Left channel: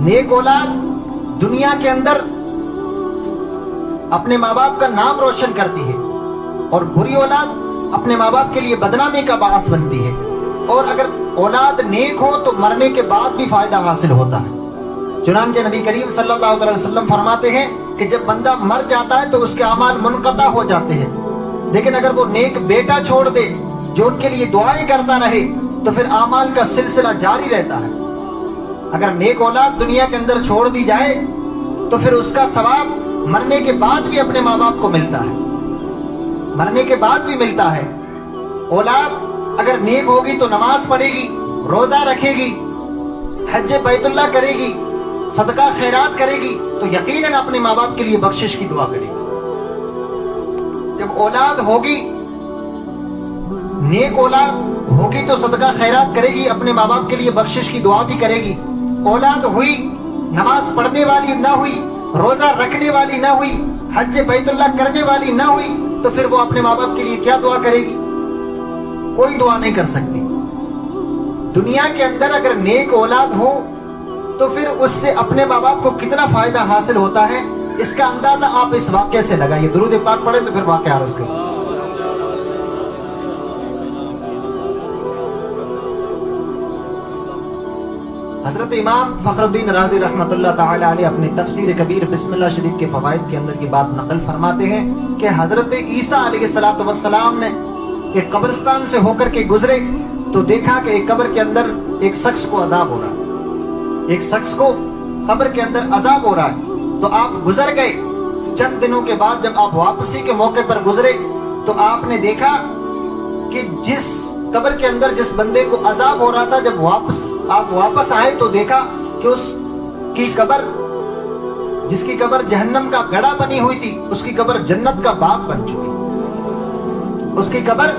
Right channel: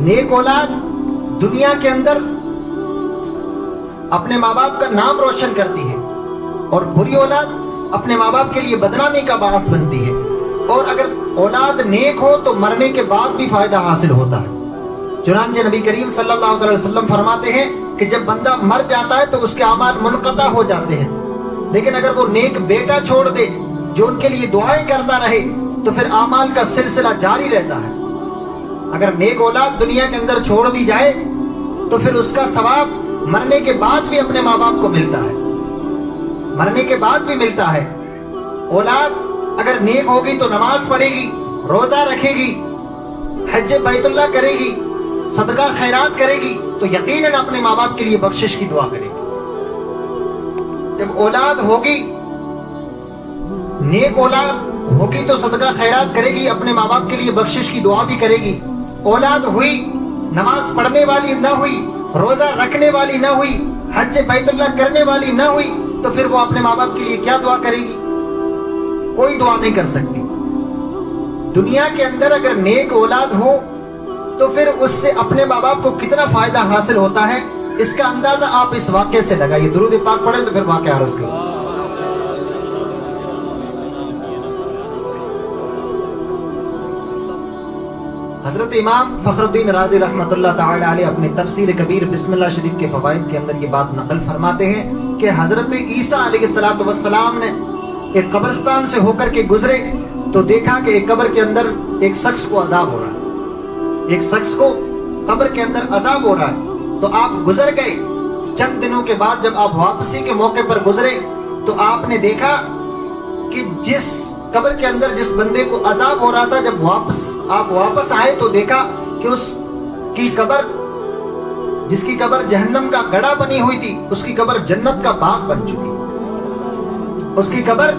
نیک اولاد دنیا کے اندر اپنے ماں باپ کا نام روشن کرتی ہے اور بری اولاد اپنے ماں باپ کے لیے بدنامی کا باعث بنتی ہے. اور اگر اولاد نیک ہو تو مرنے کے بعد بھی فائدہ حاصل ہوتا ہے. چنانچہ نبی کریم صلی اللہ علیہ وسلم فرماتے ہیں کہ جب بندہ مر جاتا ہے تو اس کے اعمال منقطع ہو جاتے ہیں، لیکن اگر وہ نیک بیٹا چھوڑ دے جو ان کے لیے دعائیں کرتا رہے تو پھر اعمال کا سلسلہ جاری رہتا ہے. اگر نیک اولاد دنیا کے اندر چھوڑ دی جائے تو پھر اس کا ثواب مرنے کے بعد بھی اپنے ماں باپ کو ملتا ہے، مرنے کے بعد بھی ملتا ہے. اولاد اگر نیک ہوگی تو نماز پڑھے گی، روزہ رکھے گی، حج بیت اللہ کرے گی، صدقہ خیرات کرے گی تو یقیناً اپنے ماں باپ کے لیے بخشش کی دعا کرے گی. جب اولاد ہوگی، نیک اولاد ہوگی تو صدقہ خیرات کرے گی، اپنے ماں باپ کے لیے بخشش کی دعا بھی کرے گی. اولاد ہوئی نماز پڑھنے والی نہ ہوئی، روزہ رکھنے والی نہ ہوئی، حج بیت اللہ کرنے والی نہ ہوئی تو پھر وہ اپنے ماں باپ کے لیے کیا دعا کرے گی؟ کوئی دعا نہیں کر سکتی. دنیا کے اندر اگر نیک اولاد ہو تو پھر اس سے اپنے ماں باپ کو کتنا فائدہ حاصل ہوتا ہے اس کا اندازہ آپ اس واقعے سے لگائیے. درود پاک پڑھیں تو پھر واقعہ عرض کریں. حضرت امام فخر الدین رازی رحمۃ اللہ تعالی علیہ اپنی تفسیر کبیر بسم اللہ شریف کے فوائد کے اندر یہ بات نقل فرماتے ہیں کہ حضرت عیسیٰ علیہ السلام نے ایک قبرستان سے ہو کر کے گزرے تو دیکھا کہ ایک قبر کے اندر ایک شخص کو عذاب ہو رہا ہے، ایک شخص کو قبر کے اندر عذاب ہو رہا ہے. تو آپ گزر گئے. چند دنوں کے بعد جب آپ واپسی کے موقع پر گزرے تو آپ نے دیکھا کہ جس قبر کے اندر جس بندے کو عذاب ہو رہا تھا، جب آپ واپس آئے تو دیکھا کہ اس کی قبر، جس کی قبر جہنم کا گڑھا بنی ہوئی تھی، اس کی قبر جنت کا باغ بن چکی. اس کی قبر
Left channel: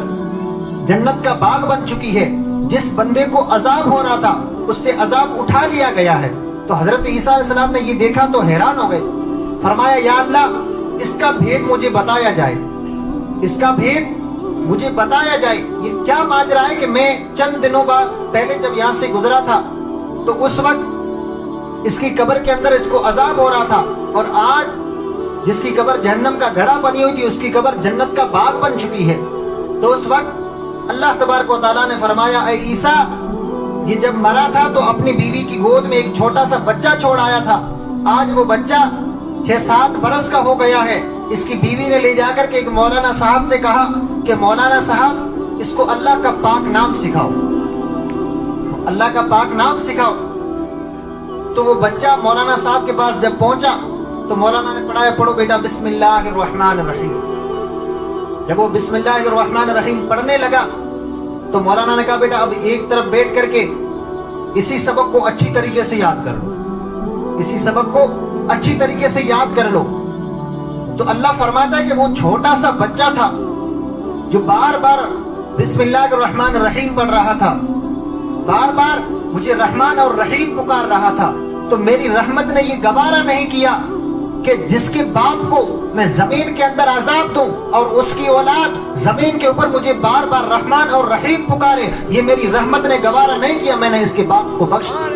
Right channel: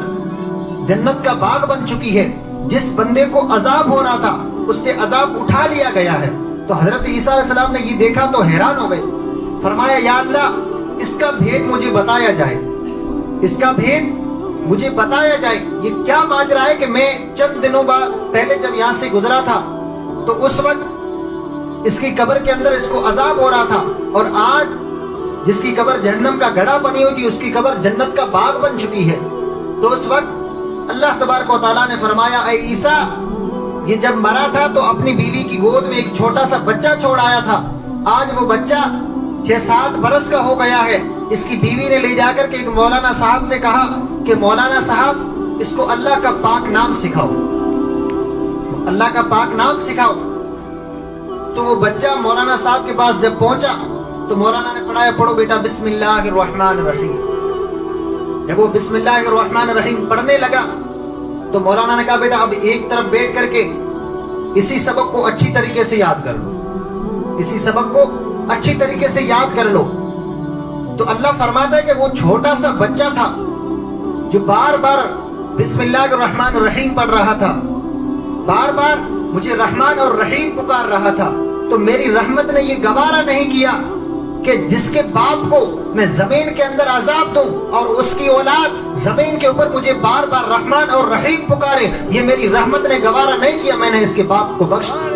جنت کا باغ بن چکی ہے. جس بندے کو عذاب ہو رہا تھا اس سے عذاب اٹھا لیا گیا ہے. تو حضرت عیسیٰ علیہ السلام نے یہ دیکھا تو حیران ہو گئے. فرمایا یا اللہ اس کا بھید مجھے بتایا جائے، اس کا بھید مجھے بتایا جائے. یہ کیا ماجرا ہے کہ میں چند دنوں بعد پہلے جب یہاں سے گزرا تھا تو اس وقت اس کی قبر کے اندر اس کو عذاب ہو رہا تھا، اور آج جس کی قبر جہنم کا گڑھا بنی ہوئی تھی اس کی قبر جنت کا باغ بن چکی ہے. تو اس وقت اللہ تبارک و تعالیٰ نے فرمایا اے عیسیٰ، یہ جب مرا تھا تو اپنی بیوی کی گود میں ایک چھوٹا سا بچہ چھوڑ آیا تھا. آج وہ بچہ 6-7 برس کا ہو گیا ہے. اس کی بیوی نے لے جا کر کے ایک مولانا صاحب سے کہا کہ مولانا صاحب اس کو اللہ کا پاک نام سکھاؤ، اللہ کا پاک نام سکھاؤ. تو وہ بچہ مولانا صاحب کے پاس جب پہنچا تو مولانا نے پڑھایا پڑھو بیٹا بسم اللہ الرحمن الرحیم. جب وہ بسم اللہ الرحمن الرحیم پڑھنے لگا تو مولانا نے کہا بیٹا اب ایک طرف بیٹھ کر کے اسی سبق کو اچھی طریقے سے یاد کر لو، اسی سبق کو اچھی طریقے سے یاد کر لو. تو اللہ فرماتا ہے کہ وہ چھوٹا سا بچہ تھا جو بار بار بسم اللہ الرحمن الرحیم پڑھ رہا تھا، بار بار مجھے رحمان اور رحیم پکار رہا تھا. تو میری رحمت نے یہ گوارا نہیں کیا کہ جس کے باپ کو میں زمین کے اندر عذاب دوں اور اس کی اولاد زمین کے اوپر مجھے بار بار رحمان اور رحیم پکارے. یہ میری رحمت نے گوارا نہیں کیا، میں نے اس کے باپ کو بخش دیا.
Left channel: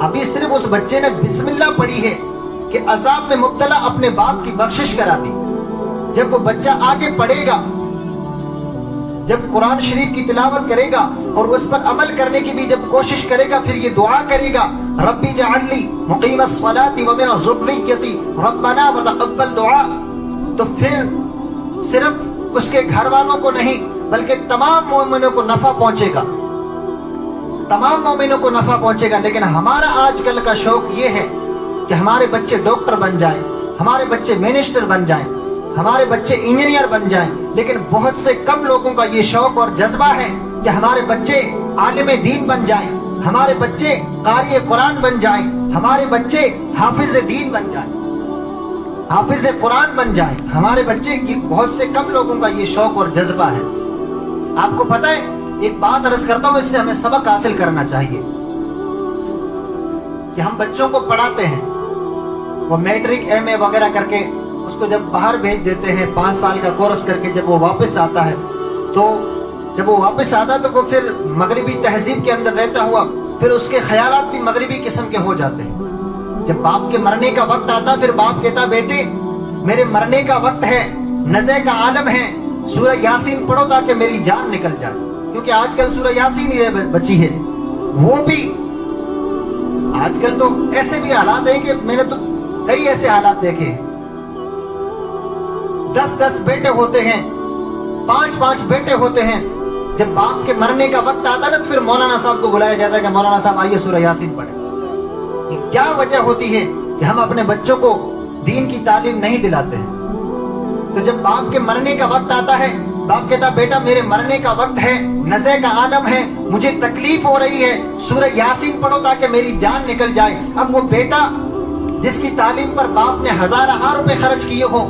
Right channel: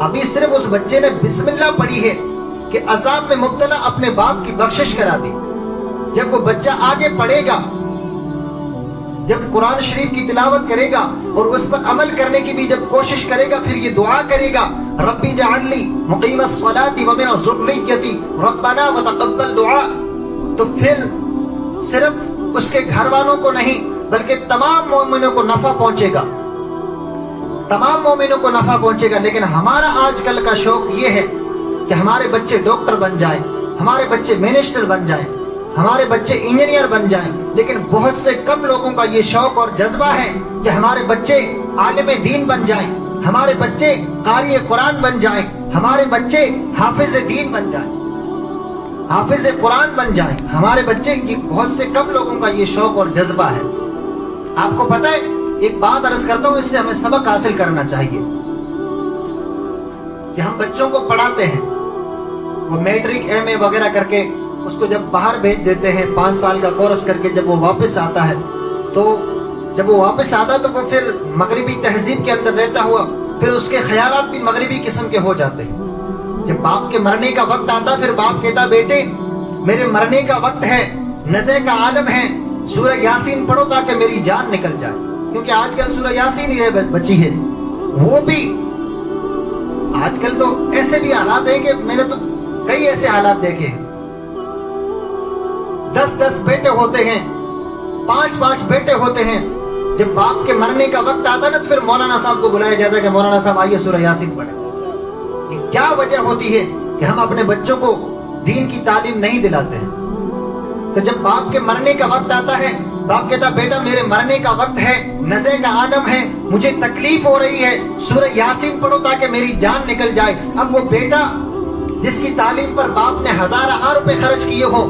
ابھی صرف اس بچے نے بسم اللہ پڑھی ہے کہ عذاب میں مبتلا اپنے باپ کی بخشش کرا دی. جب وہ بچہ آگے پڑھے گا، جب قرآن شریف کی تلاوت کرے گا اور اس پر عمل کرنے کی بھی جب کوشش کرے گا، پھر یہ دعا کرے گا ربی جعلنی مقیم الصلاۃ ومن ذریتی ربنا وتقبل دعا. تو پھر صرف اس کے گھر والوں کو نہیں بلکہ تمام مومنوں کو نفع پہنچے گا، تمام مومنوں کو نفع پہنچے گا. لیکن ہمارا آج کل کا شوق یہ ہے کہ ہمارے بچے ڈاکٹر بن جائیں، ہمارے بچے منسٹر بن جائیں، ہمارے بچے انجینئر بن جائیں. لیکن بہت سے کم لوگوں کا یہ شوق اور جذبہ ہے کہ ہمارے بچے عالم دین بن جائیں، ہمارے بچے قاری قرآن بن جائیں، ہمارے بچے حافظ دین بن جائیں، حافظ قرآن بن جائیں. ہمارے بچے کی بہت سے کم لوگوں کا یہ شوق اور جذبہ ہے. آپ کو پتہ ہے ایک بات عرض کرتا ہوں، اس سے ہمیں سبق حاصل کرنا چاہیے کہ ہم بچوں کو پڑھاتے ہیں، وہ میٹرک ایم اے وغیرہ کر کے اس کو جب باہر بھیج دیتے ہیں 5 سال کا کورس کر کے. جب وہ واپس آتا ہے تو جب وہ واپس آتا تو وہ پھر مغربی تہذیب کے اندر رہتا ہوا پھر اس کے خیالات بھی مغربی قسم کے ہو جاتے ہیں. جب باپ کے مرنے کا وقت آتا پھر باپ کہتا بیٹے میرے مرنے کا وقت ہے, نزع کا عالم ہے, سورہ یاسین پڑھو تاکہ میری جان نکل جائے. کیونکہ آج کل سورہ یاسین ہی رہ بچی ہے. وہ بھی آج کل تو ایسے بھی حالات ہیں کہ میں نے تو کئی ایسے حالات دیکھے, 10 بیٹے ہوتے ہیں, 5 بیٹے ہوتے ہیں. جب باپ کے مرنے کا وقت آتا نا تو پھر مولانا صاحب کو بلایا جاتا ہے کہ مولانا صاحب آئیے سورہ یاسین پڑھیں. یہ کیا وجہ ہوتی ہے کہ ہم اپنے بچوں کو دین کی تعلیم نہیں دلاتے ہیں؟ تو جب باپ کے مرنے کا وقت آتا ہے, باپ کہتا بیٹا میرے مرنے کا وقت ہے, نزع کا عالم ہے, مجھے تکلیف ہو رہی ہے, سورہ یاسین پڑھو تاکہ میری جان نکل جائے. اب وہ بیٹا جس کی تعلیم پر باپ نے ہزارہ روپے خرچ کیے ہو,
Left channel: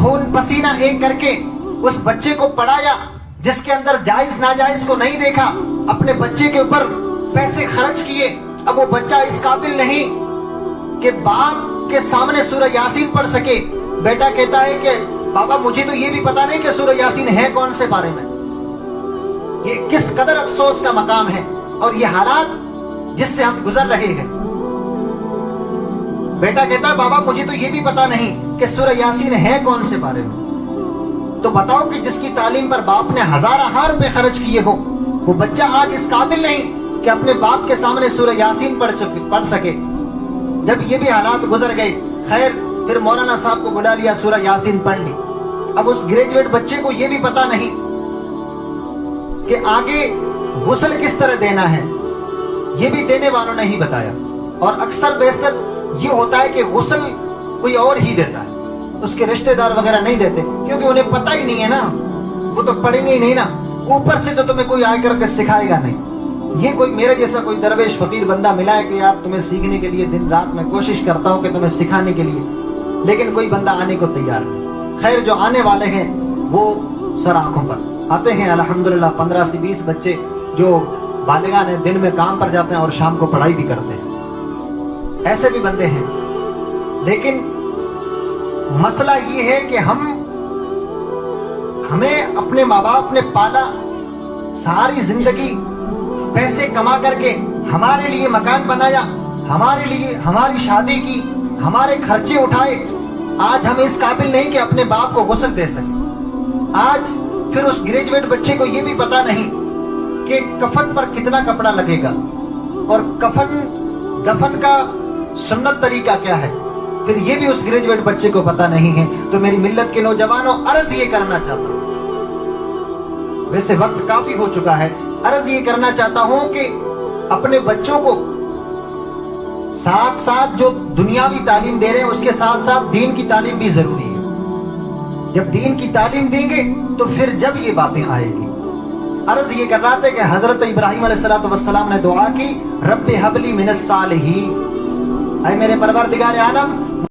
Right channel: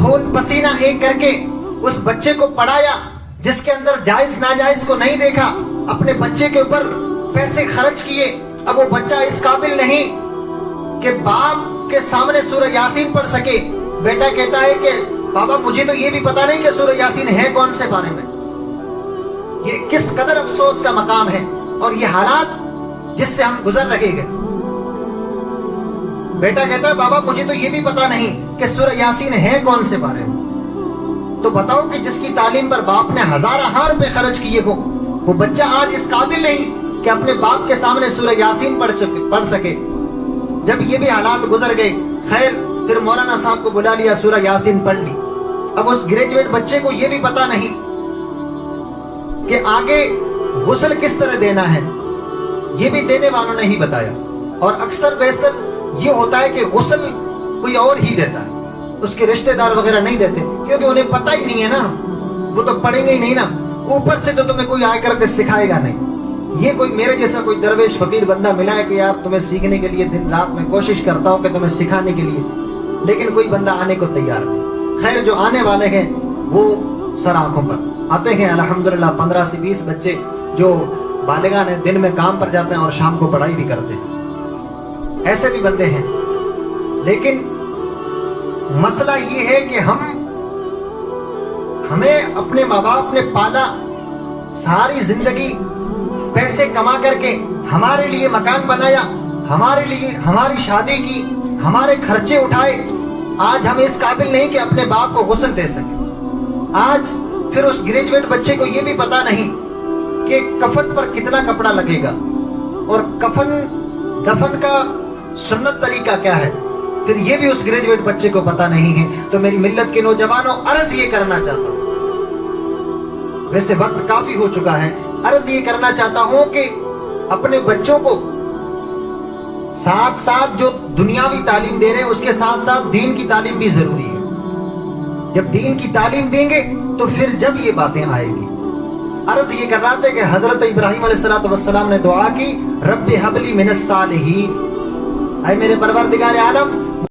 خون پسینہ ایک کر کے اس بچے کو پڑھایا, جس کے اندر جائز ناجائز کو نہیں دیکھا, اپنے بچے کے اوپر پیسے خرچ کیے. اب وہ بچہ اس قابل نہیں کہ باپ کے سامنے سورہ یاسین پڑھ سکے. بیٹا کہتا ہے کہ بابا مجھے تو یہ بھی پتا نہیں کہ سورہ یاسین ہے کون سے بارے میں. یہ کس قدر افسوس کا مقام ہے اور یہ حالات جس سے ہم گزر رہے ہیں. بیٹا کہتا بابا مجھے تو یہ بھی پتا نہیں کہ سورہ یاسین ہے کون سے بارے میں. تو بتاؤ کہ جس کی تعلیم پر باپ نے ہزارہ روپے خرچ کیے ہو, وہ بچہ آج اس قابل نہیں کہ اپنے باپ کے سامنے سورہ یاسین پڑھ سکے. جب یہ بھی حالات گزر گئے, خیر پھر مولانا صاحب کو بلا لیا, سورہ یاسین پڑھ لی. اب اس گریجویٹ بچے کو یہ بھی پتا نہیں کہ آگے غسل کس طرح دینا ہے, یہ بھی دینے والوں نے ہی بتایا. اور اکثر بیشتر یہ ہوتا ہے کہ غسل کوئی اور ہی دیتا ہے, اس کے رشتہ دار وغیرہ نہیں دیتے, کیونکہ انہیں پتہ ہی نہیں ہے نا, وہ تو پڑھیں گے ہی نہیں نا. اوپر سے تو تمہیں کوئی آ کر کے سکھائے گا نہیں. یہ کوئی میرے جیسا کوئی درویش فقیر بندہ ملا ہے کہ یار تمہیں سیکھنے کے لیے دن رات میں کوشش کرتا ہوں کہ تمہیں سکھانے کے لیے, لیکن کوئی بندہ آنے کو تیار نہیں. خیر جو آنے والے ہیں وہ سر آنکھوں پر آتے ہیں الحمدللہ. 15 سے 20 بچے جو بالغان ہیں دن میں کام پر جاتے ہیں اور شام کو پڑھائی بھی کرتے ہیں. ایسے بھی بندے ہیں. لیکن مسئلہ یہ ہے کہ ہمیں اپنے ماں باپ نے پالا, ساری زندگی پیسے کما کر کے ہمارے لیے مکان بنایا, ہمارے لیے ہماری شادی کی, ہمارے خرچے اٹھائے. آج ہم اس قابل نہیں کہ اپنے باپ کو غسل دے سکیں. آج پھر اس گریجویٹ بچے کو یہ بھی پتا نہیں کہ کفن پر کتنا کپڑا لگے گا اور دفن کا سنت طریقہ کیا ہے, پھر یہ بھی اس گریجویٹ بچے کو پتا نہیں ہے. تو میری ملت کے نوجوانوں عرض یہ کرنا چاہتا ہوں, ویسے وقت کافی ہو چکا ہے, عرض یہ کرنا چاہتا ہوں کہ اپنے بچوں کو ساتھ ساتھ جو دنیاوی تعلیم دے رہے ہیں اس کے ساتھ ساتھ دین کی تعلیم بھی ضروری ہے. جب دین کی تعلیم دیں گے تو پھر جب یہ باتیں آئیں گی. عرض یہ کر رہا تھا کہ حضرت ابراہیم علیہ السلام نے دعا کی, رب حب لی من الصالحین, اے میرے پروردگار عالم